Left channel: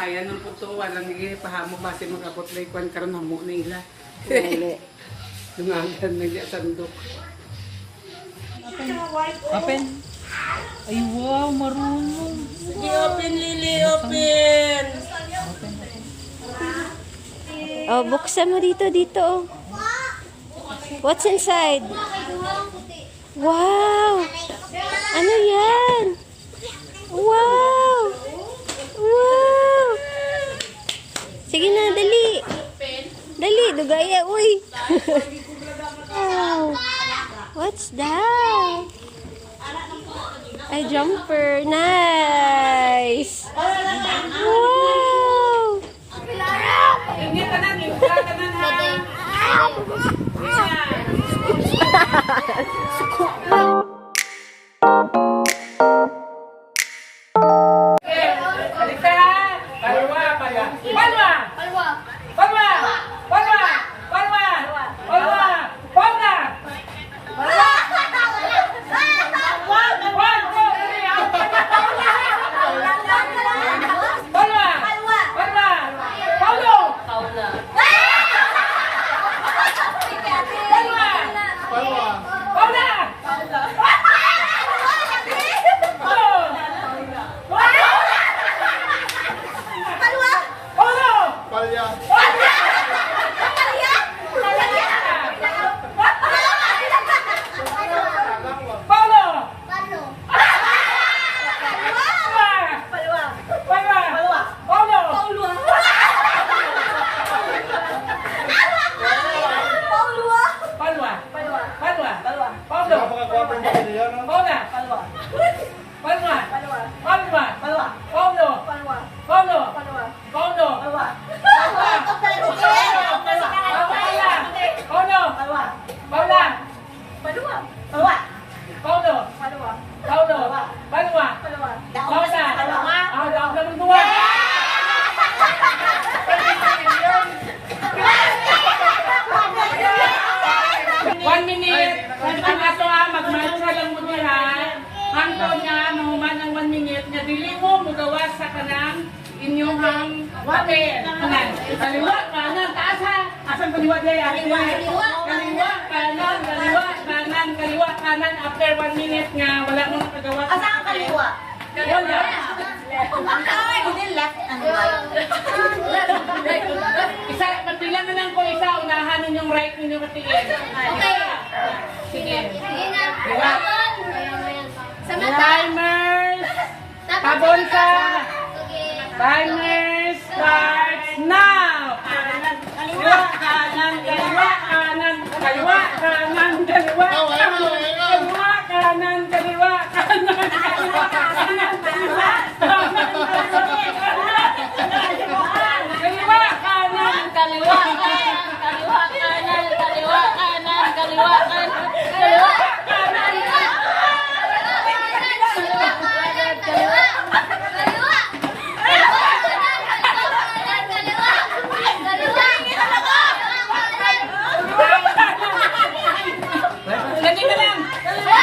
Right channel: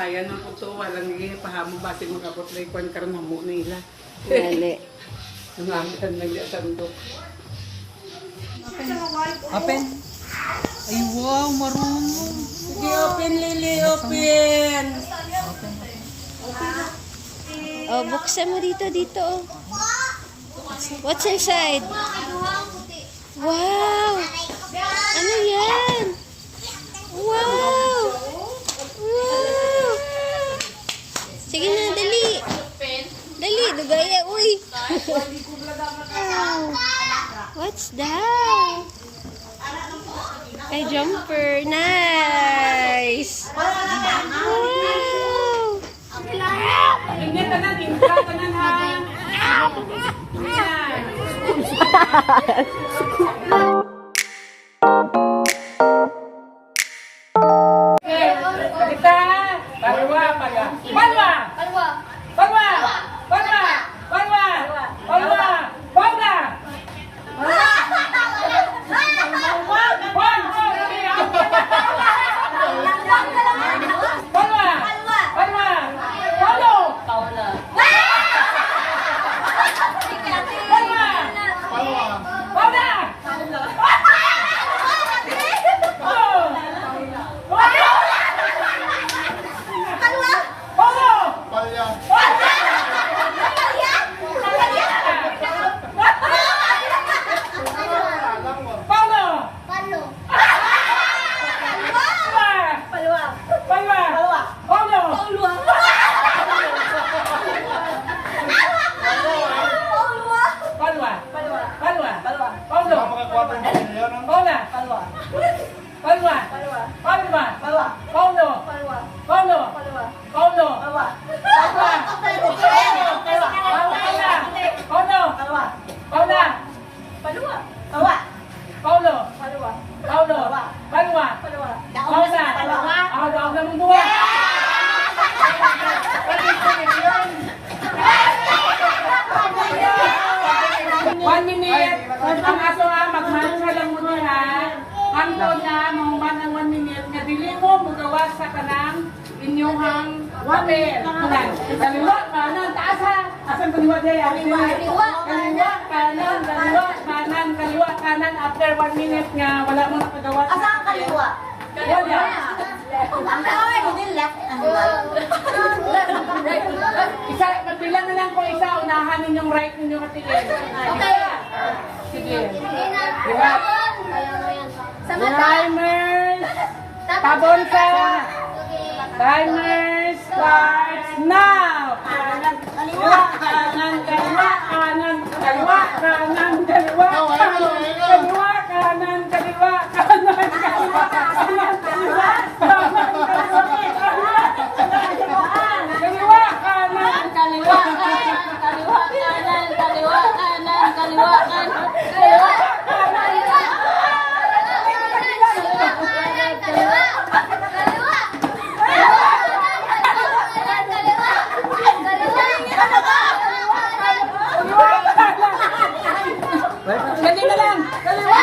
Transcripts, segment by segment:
Bisaya nung puto, walang pahamog base mag-abot na ikuan karon hamo na ila. Dali. Nangangkan na niya sandok. Open. Ay, wow, marunong. Sige, open Lily, open. Oh, buksan mo dito, dito. What's inside? Wow! Ano yan? Wow! Wow! Sige na, dali. Dali, dugaya, uy. Wow! What's that? Ay, jumper. Nice! Wow! Hindi ka na, hindi ka na. Salita! Palwa, palwa. Palwa! Palwa! Palwa! Palwa! Palwa! Palwa! Palwa! Sa kanang inyong papel. Kaliwa, kanan, taas ha. Asan kaliwa dyan? Kaliwa, kanan, kaliwa, kanan, kaliwa, kanan. After 1 minute nga, wala mo nakagawa. Asan ang kaliwa? Wala. Hindi left and right. Isa, magbilang na lang kung isa, unahan ninyong right ninyong katingin. Okay. Sige. Diba? Sa mata. Timers! Tabon ka! Timer starts now! Kaliwa, kanan, kaliwa, kanan, kaliwa, kanan, kaliwa, kaliwa, kanan, kaliwa, kanan, kaliwa, kanan, kaliwa, kanan, kaliwa, kanan, kaliwa, Ganyan na lang! Kaliwa!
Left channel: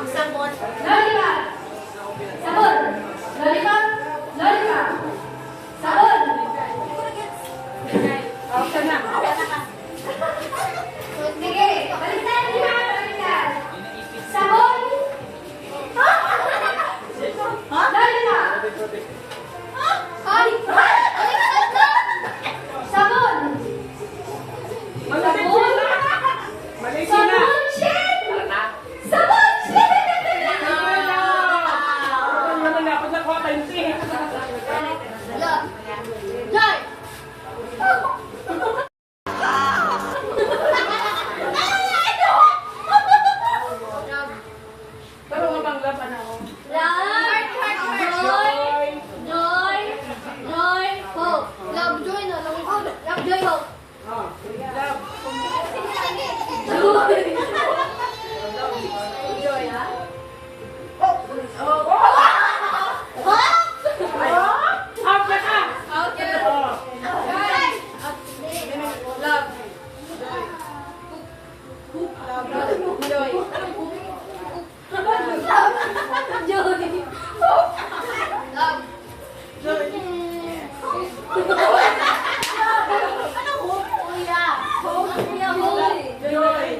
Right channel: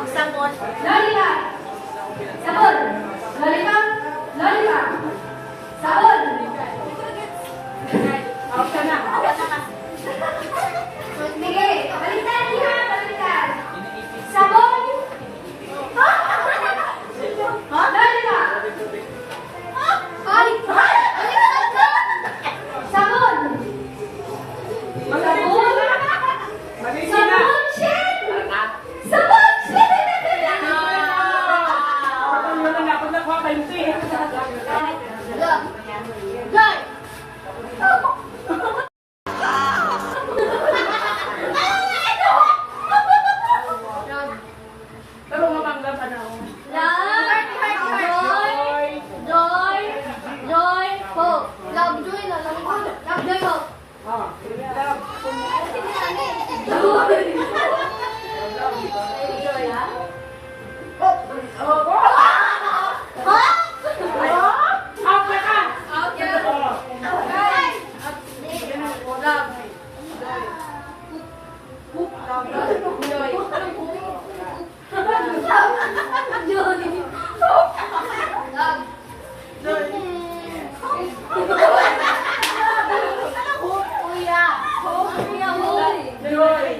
Magsamot. Lollipop. Sabon. Lollipop. Lollipop. Sabon. Option na. Sige. Balikan, di ba? Balikan. Sabon. Lollipop. Ay! Sabon. Sabon. Malisina. Sabon, shit! Sabon, shit! Look. Joy. Pero matanggapan ako. Love. Joy. Joy. Joy. Hope. Love, joy na. Love, joy, hope. Joy. Joy, ha? Out na ka! Out ka. Love. Joy. Love. Kuya. Kuya, hoy. Joy!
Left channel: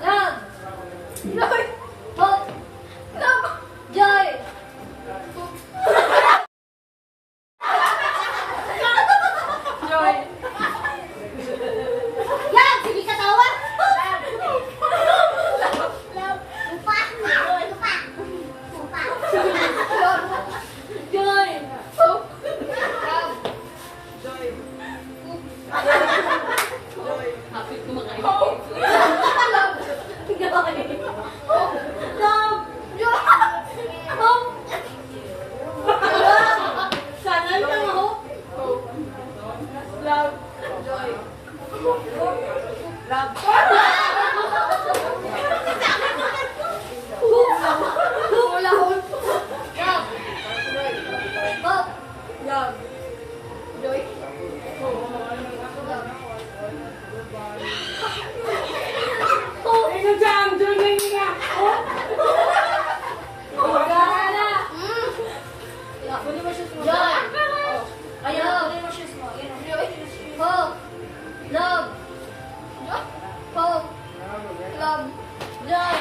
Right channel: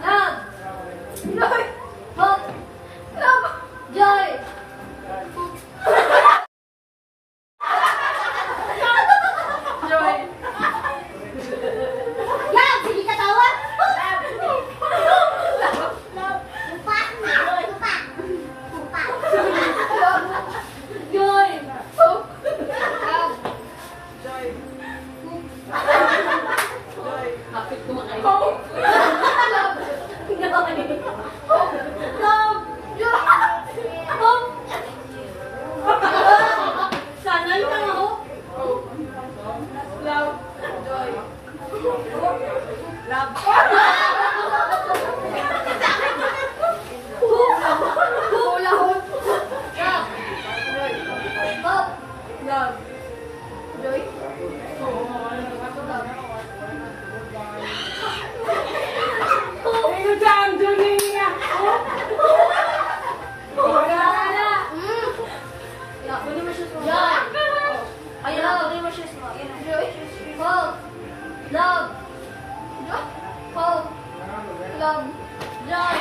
Love. Joy. Hope. Love. Joy. Joy. Yan! Sige ka tawag! Lupa! Lupa! Joy. Hope. Love. Kapit mo kayo. Hope. Love. Joy. Hope. Love. Joy. Hope. Sana na hope. Love. Joy. Love. Hula hoop. Love. Joy. Hope. Love. Joy. Love. Ayun dyan! Joy na niya! Wala na. Kunin mo shoes mo. Joy. Ayun, kunin mo shoes mo. Joy. Hope. Love. Joy. Hope. Love. Joy.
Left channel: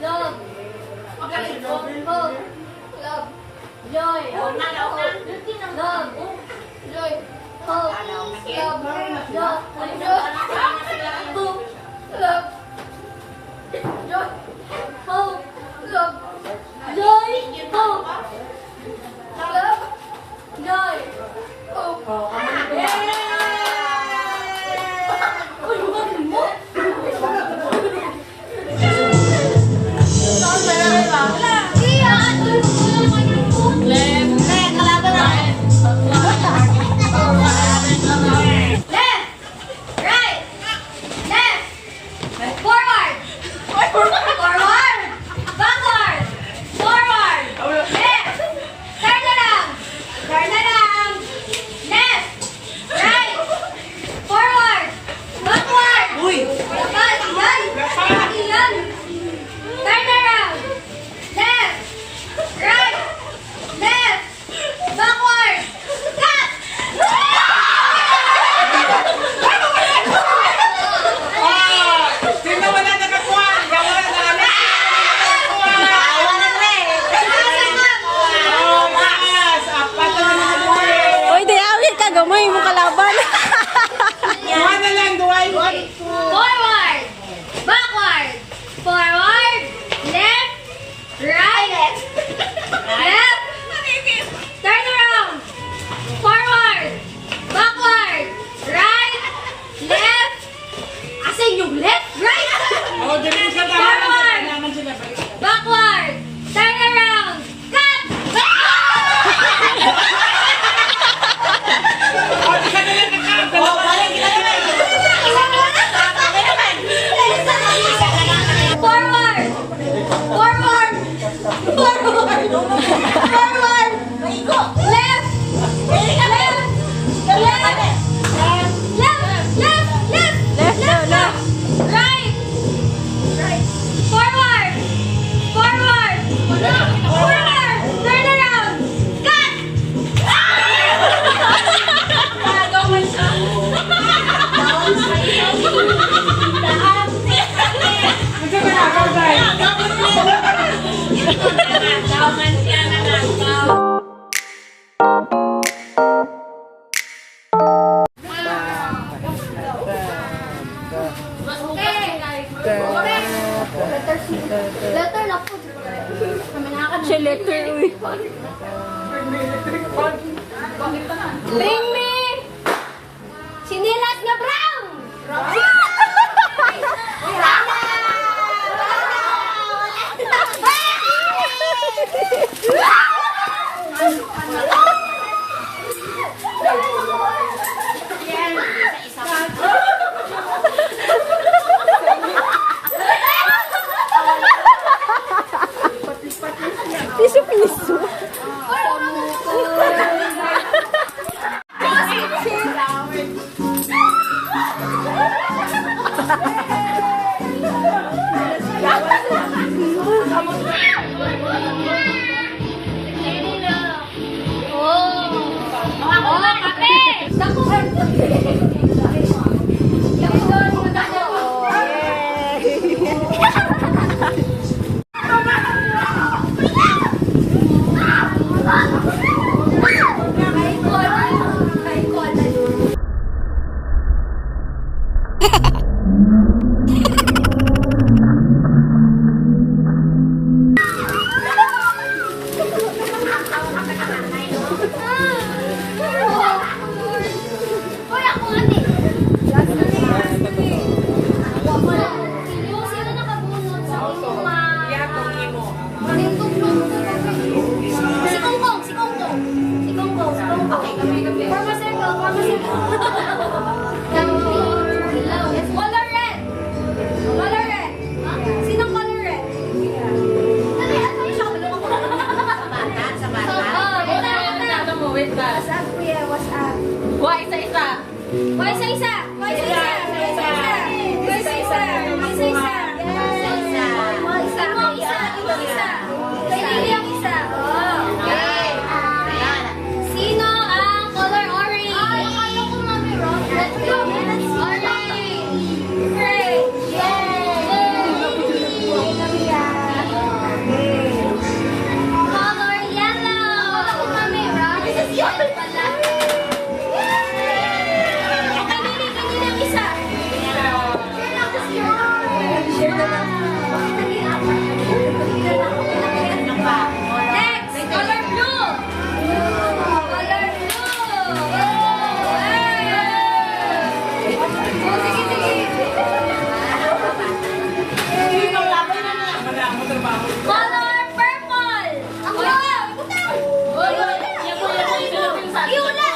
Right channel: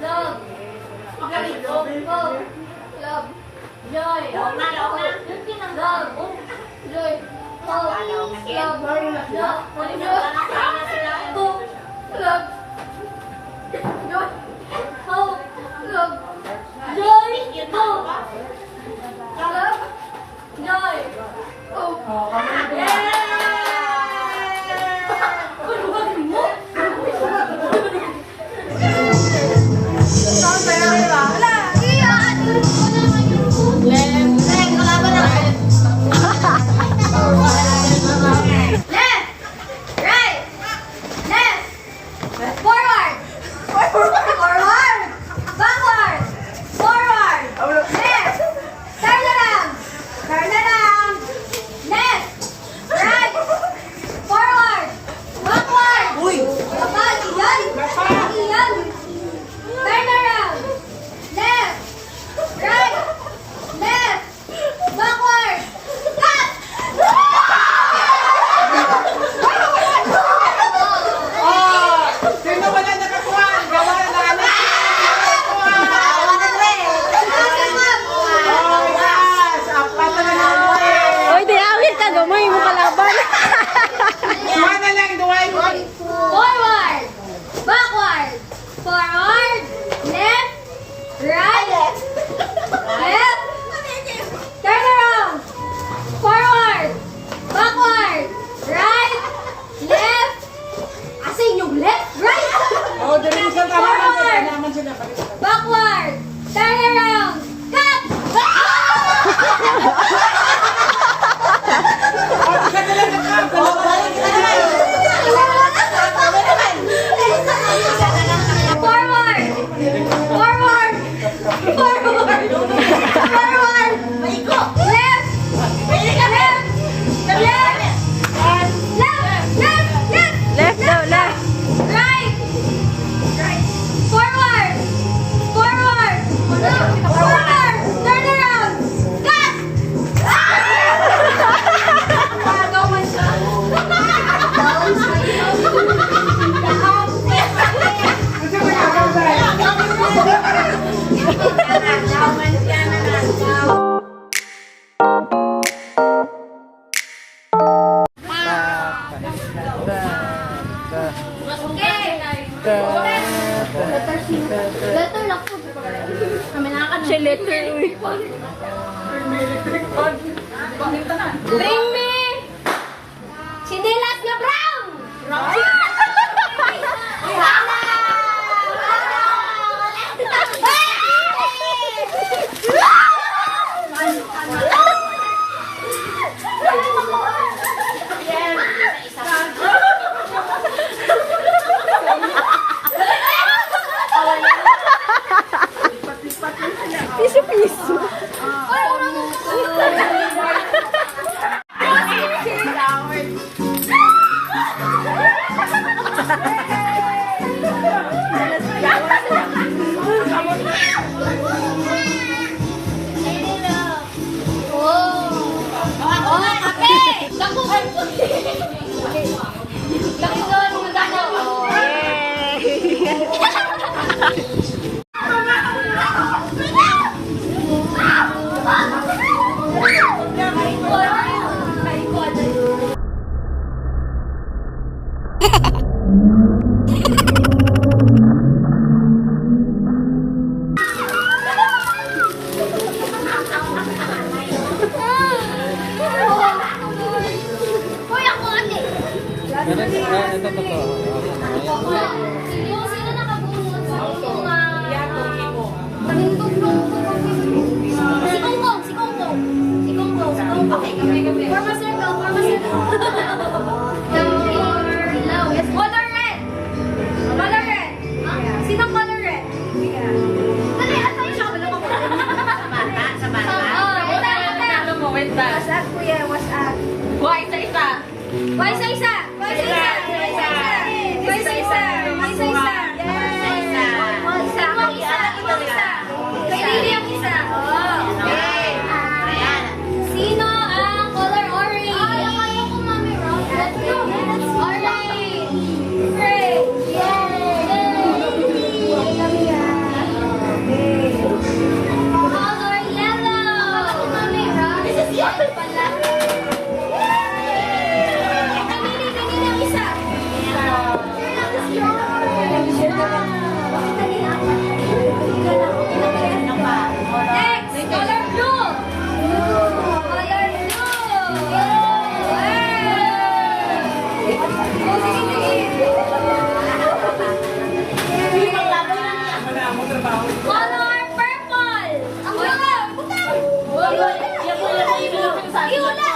Love. Hope. Love. Joy. Love. Joy. Hope. Love. Joy. Hope. Love. Joy. Hope. Love. Joy. Hope. Love. Joy. Hope. Yay! Uy, bakit mo? Wala. Iya. Kalaban na! Left. Right. Left. Forward. Forward. Backward. Forward. Left. Turn around. Turn around. Left. Right. Forward. Backward. Uy! Iyan. Iyan. Turn around. Left. Right. Left. Backward. Cut. Sino wala nakakuha? Gawa na namin! Awa na rin! Mas! Apat na naman! Oy, di awit ka, gamay mo kalaban. Duwa na lang, duwa! Forward. Backward. Forward. Left. Right. Left. Turn around. Forward. Backward. Right. Left. Asin yung left. Right. Oh, dali sa naman sila. Backward. Turn around. Cut. Isa na lang nakakal! Oh, balik kita naman! Isa na lang! Kami naman! Isa na lang! Forward. Forward. Forward. Forward. Maigo! Left. Left. Left. Left. Left. Left. Left daw, left. Right. Right. Letter na po. Kami nakakano. Siya letter, uy. Bring me! Sinilas na brown! Piso-piso. Uy, ako ate. Yung sino nakabunot sa inyong Si Konggong, si Konggong. Si Konggong, si Konggong. Forma circle, forma circle. Color red. Color red. Sinong color red? Dali, ano yung sabi ng mga Sa bata. Wait ba? WhatsApp, kuya, WhatsApp. Why sa isa? Why sa isa? Why sa isa? Why sa isa? Why sa isa? Why sa isa? Why sa isa? Kay Lily ang isa. Okay. Sino ang color orange? Ay, akala ko mami wrong. Let's go. Orange. Great. Yay. Color yellow. Akala ko mami wrong. This is yellow pala. Next, color blue. Color blue. Color purple. Ang blue. Butang. Iula.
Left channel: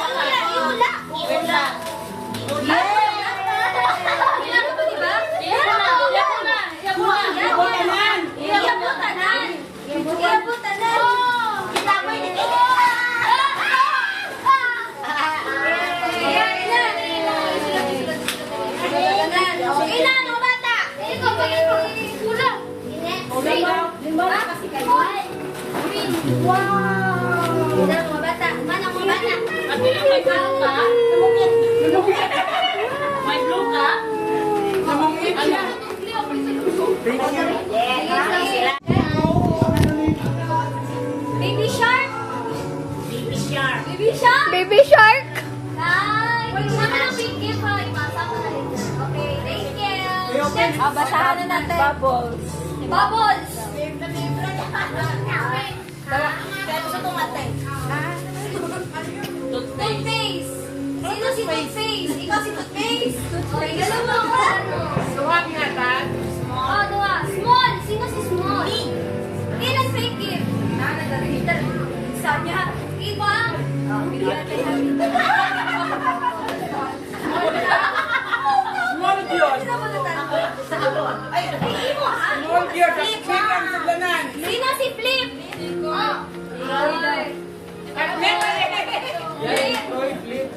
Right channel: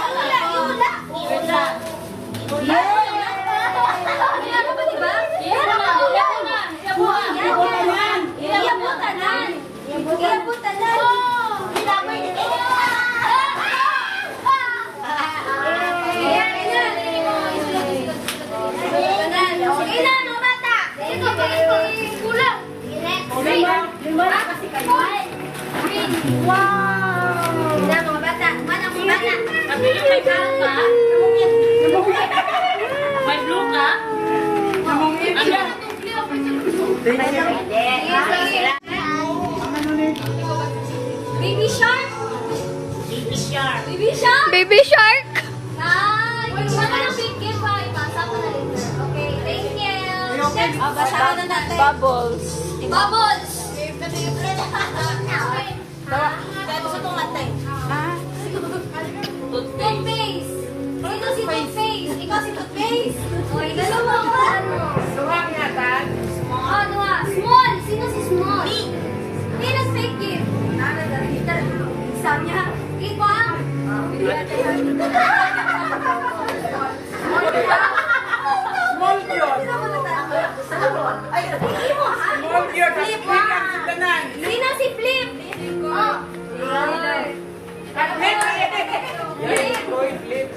Okay na, no bata. Ito, kulang. Wow! Ina, mga bata. Mana, mga bata. May blue ka? Baby shark? Baby shark. Baby shark? Baby shark. Ay, wala ng big gift ha. Ipasa ko na rin. Okay, thank you. Next. Basahan na natin. Bubbles. Bubbles. Toothpaste. Sino si Toothpaste? Ikaw si Toothpaste? O, regalo mo ako. Suwag na tan. Oh, dua. Small. Sino si Small? Ilan fake gift? Nana, dari. Isa niya. Iba. Small yun. Ay, imo ha? Small yun. Click ang suglanan. Sino si Flip? Oh. At flip. Flip.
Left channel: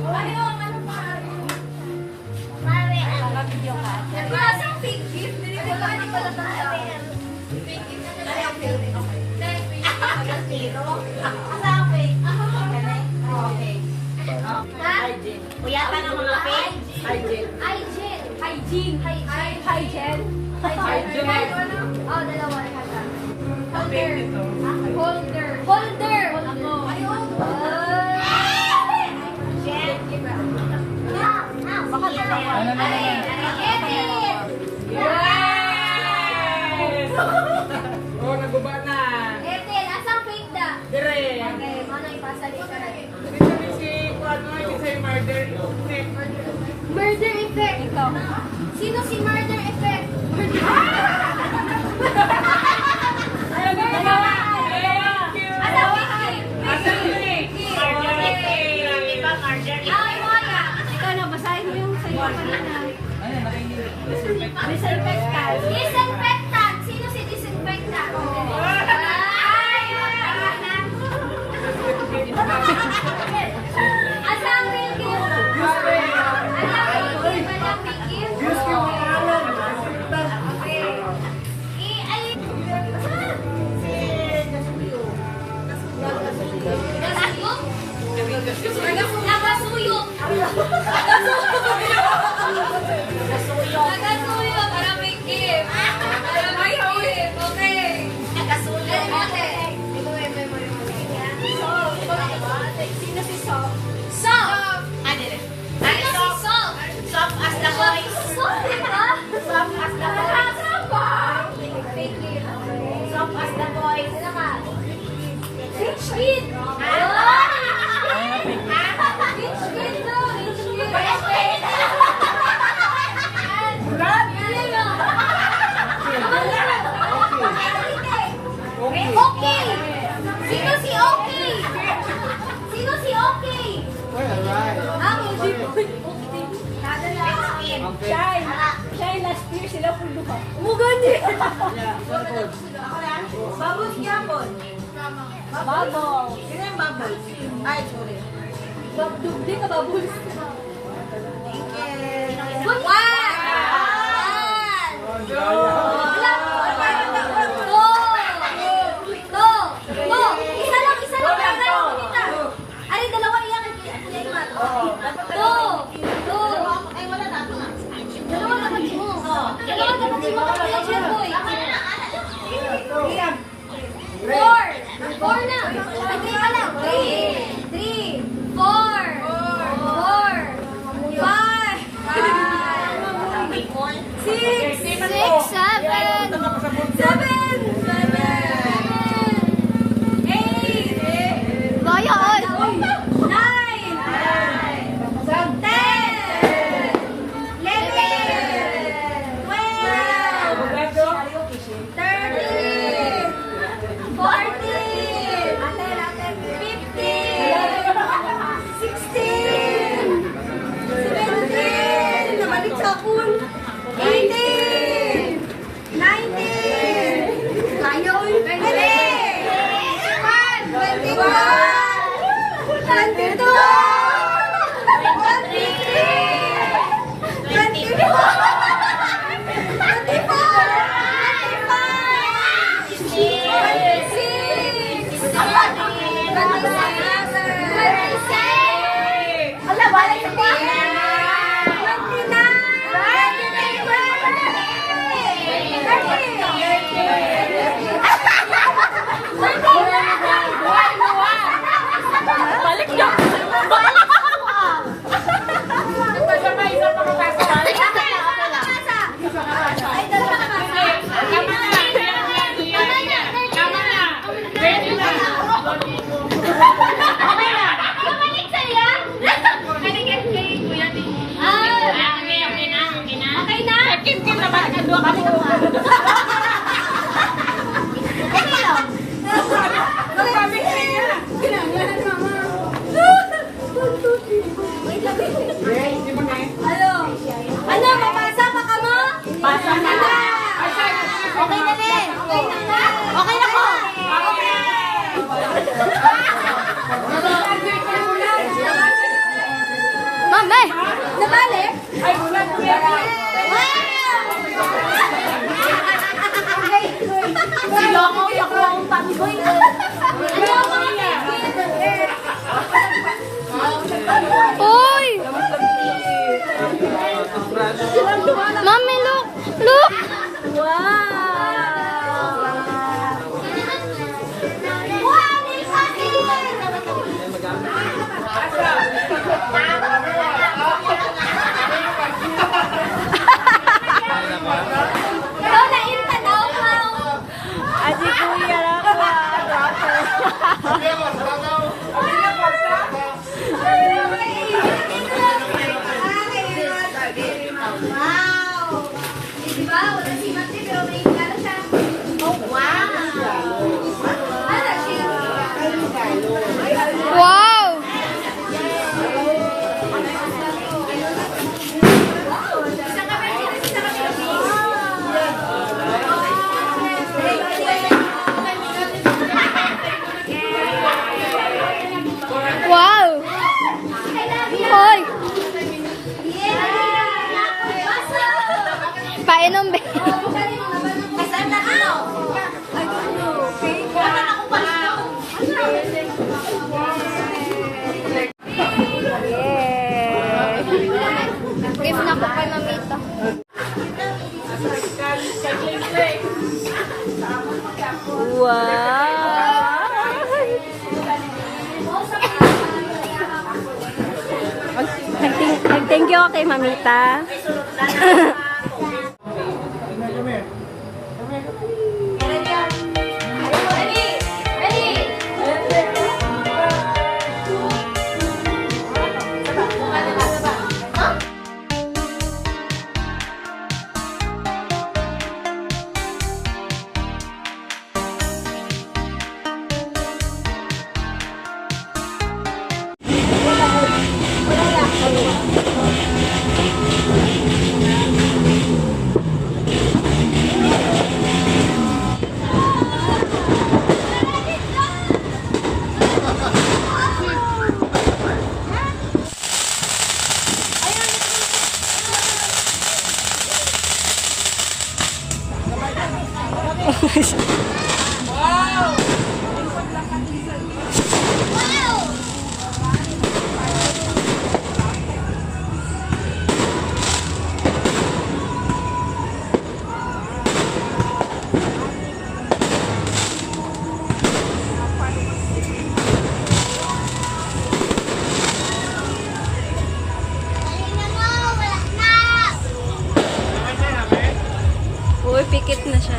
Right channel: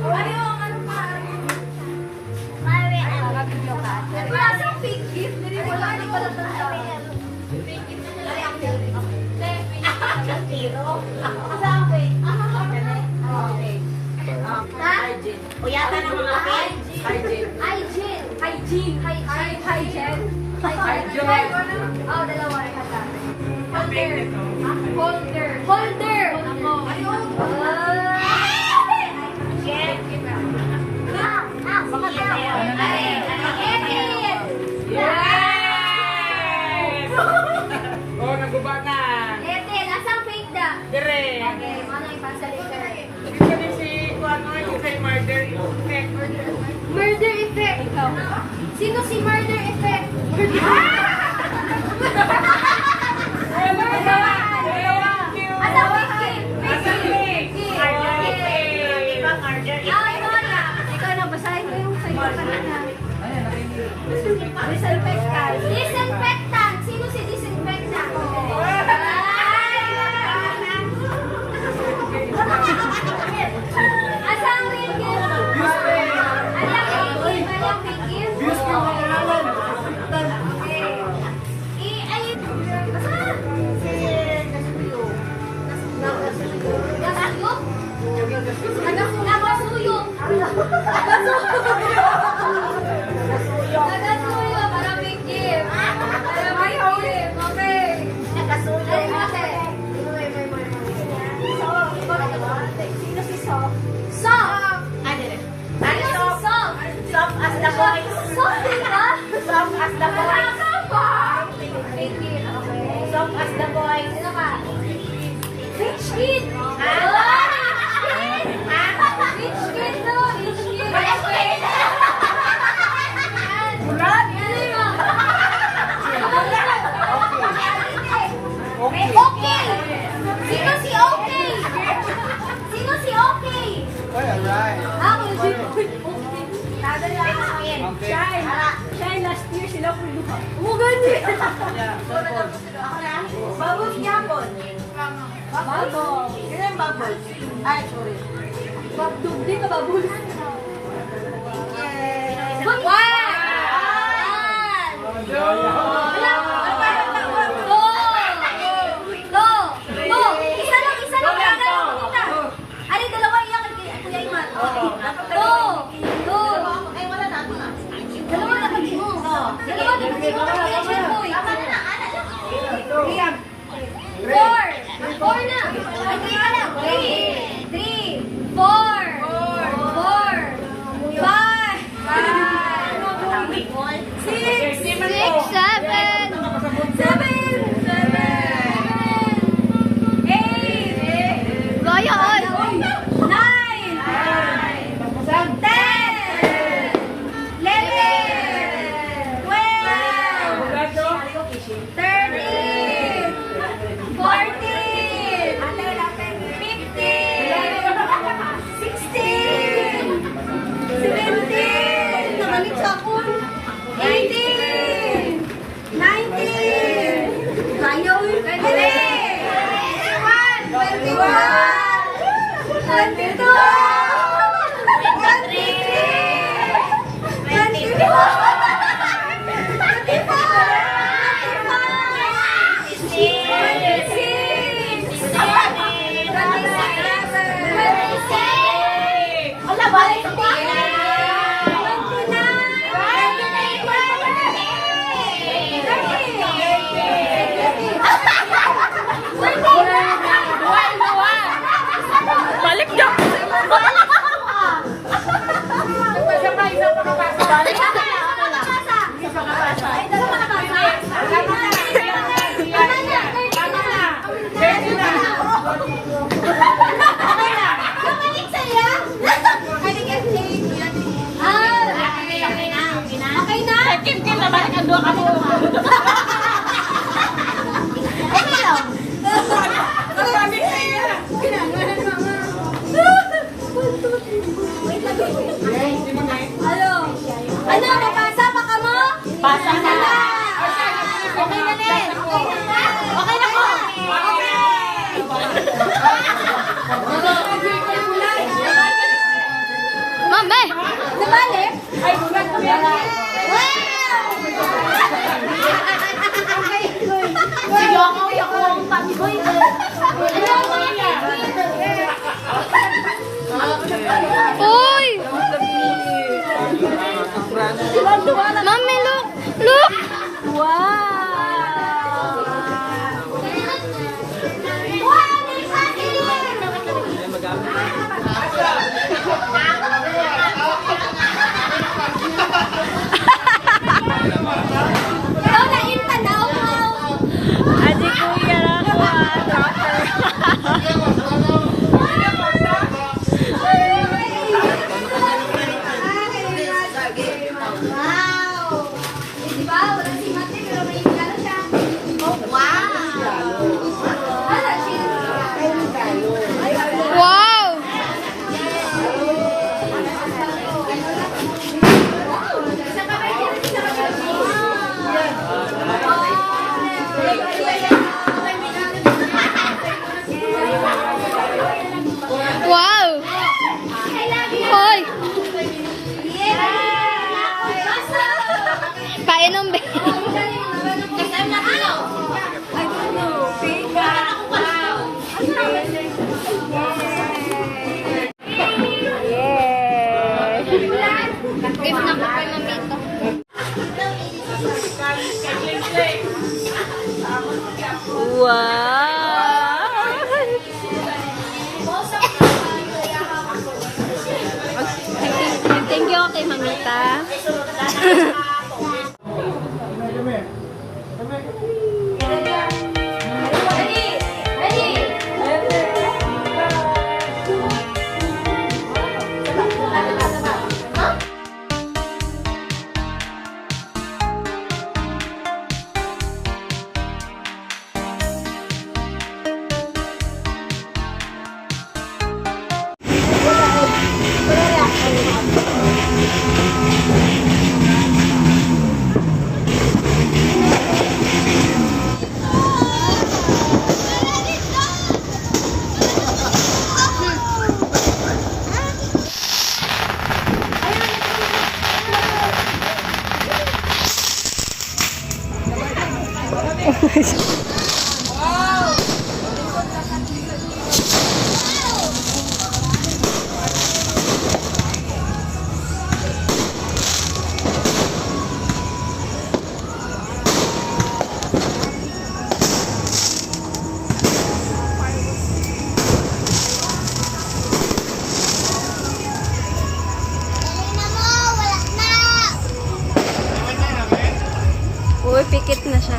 Ayaw, ano pa? Mami. Wala siyang fake gift. Wala, hindi ka lang tanda. Fake gift. Uyatan ng mga pin. Oh, dalawa na kata. Holder. Ako. Ayun. Oh, naguba na. Ethel, asang fake da? Dire. Okay, mana ipasali ka na. Ito din si Juan, ito si Murder Effect. Murder effect. Sino si murder effect? Ayan na ka na. Thank you. Asang fake? Asang fake? Ay, Moya. Ikaw na, basahin mo yung sa'yo kanina. Disinfectant. Disinfectant. Sino si disinfectant? Asang real gift? Alang real gift? Alang fake gift? Okay. Ay, basta na. Nagasuyo? Nagasuyo. Nagasuyo. Para fake gift. Para fake gift. Okay. Nagasuyo. Okay. Sino si So? So! Sino si So? Soft as the boys. So, diba? Soft as the boys. Fake gift. Soft as the boys. Sino ka? Rich kid! Rich kid bro! Rich kid! Bulan? Okay! Sino si Okay? Sino si Okay? Ay, alright. Ang Okay. Shy last year sila po lupa. Oh, ganyan! Yeah, circle. Bubbles yapon. Bubbles. Yun yung bubbles. Ay, sorry. Di ka babul. Yeah. Four na. Three ka na. Three. Four. Five. Six. Seven. Eight. Bayan. 9. 10. 11. 12. 13. 14. 15. 16. 17. Nabalik sa pool. 18. 19. Ayaw. 20. 21. 22. Balik ka. Nagpasabay na pagkakasabay. Ay, dalawa na ba? Tama na. Tama na. Ready na. Kabalik sa'yo? Okay na? Kim na ba? Nabalik sa'yo. Ano, mabasa pa ka mo? Basa na ba? Okay na din. Okay na po. Mame. Nabalik? Ay, bulan ko yan. Uy. Mami, look. Look. Wow! wala si Mate, pero may regalo siya. Wow! Ano siya? Wow! Wow! Hoy! Painom ba? I don't know. Gift na po kay Mamita. Thank you kay Mamita. Uy, pikit na siya.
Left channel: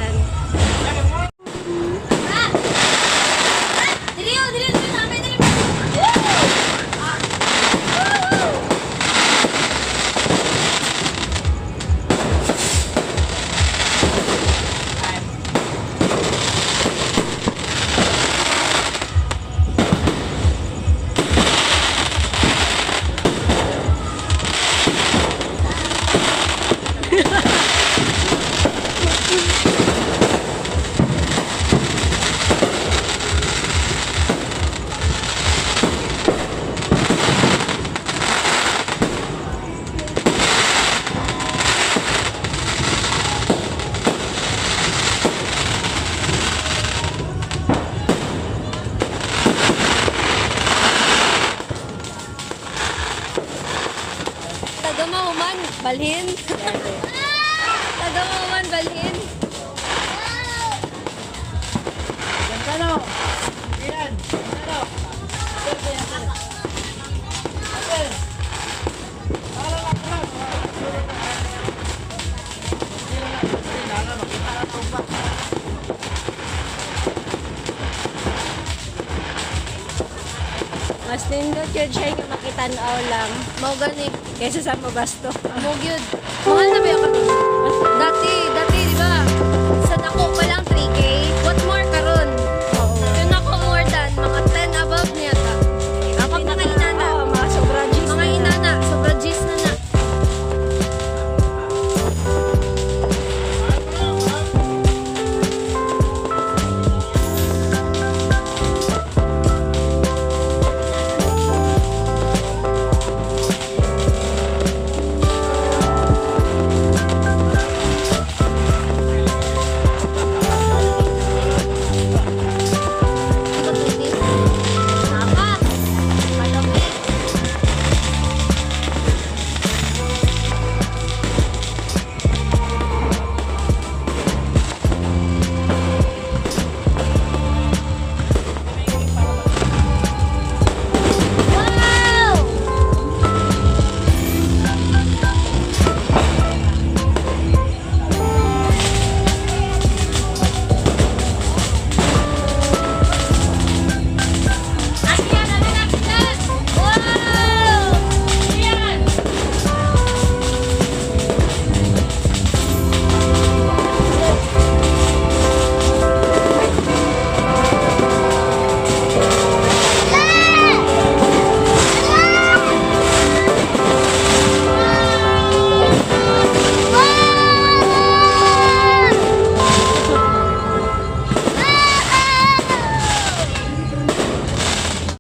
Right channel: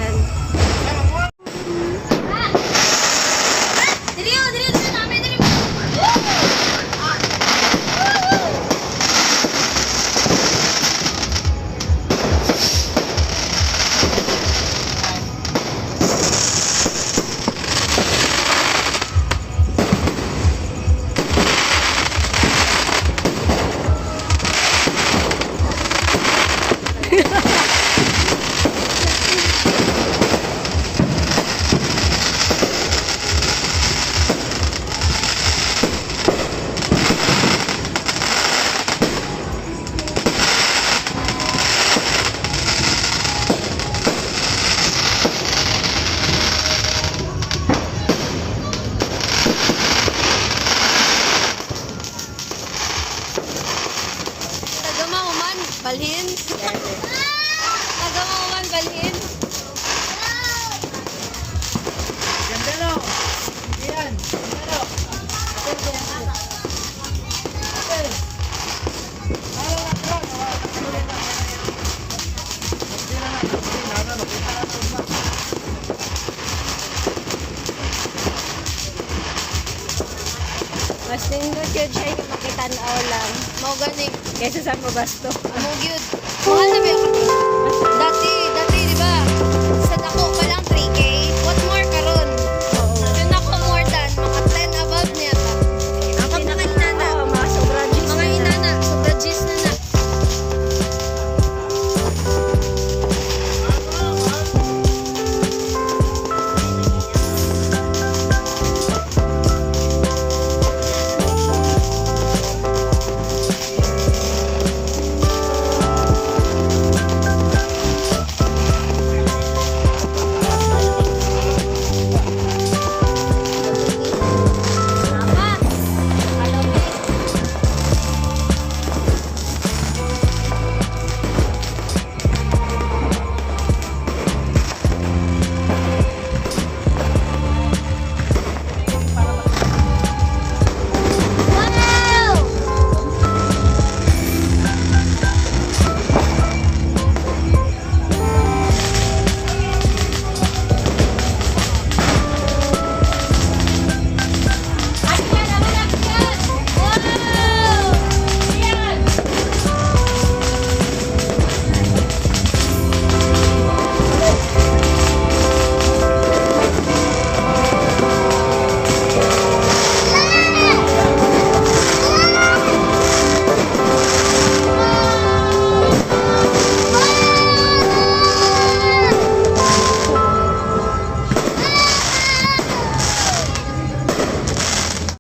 Tagamahuman, balhin. Tagamahuman, balhin. Mas nindot yun siya yung makitanaw lang. Mau gani. Kaysa sa mo gasto. Mo gyud. Kuha na ba yung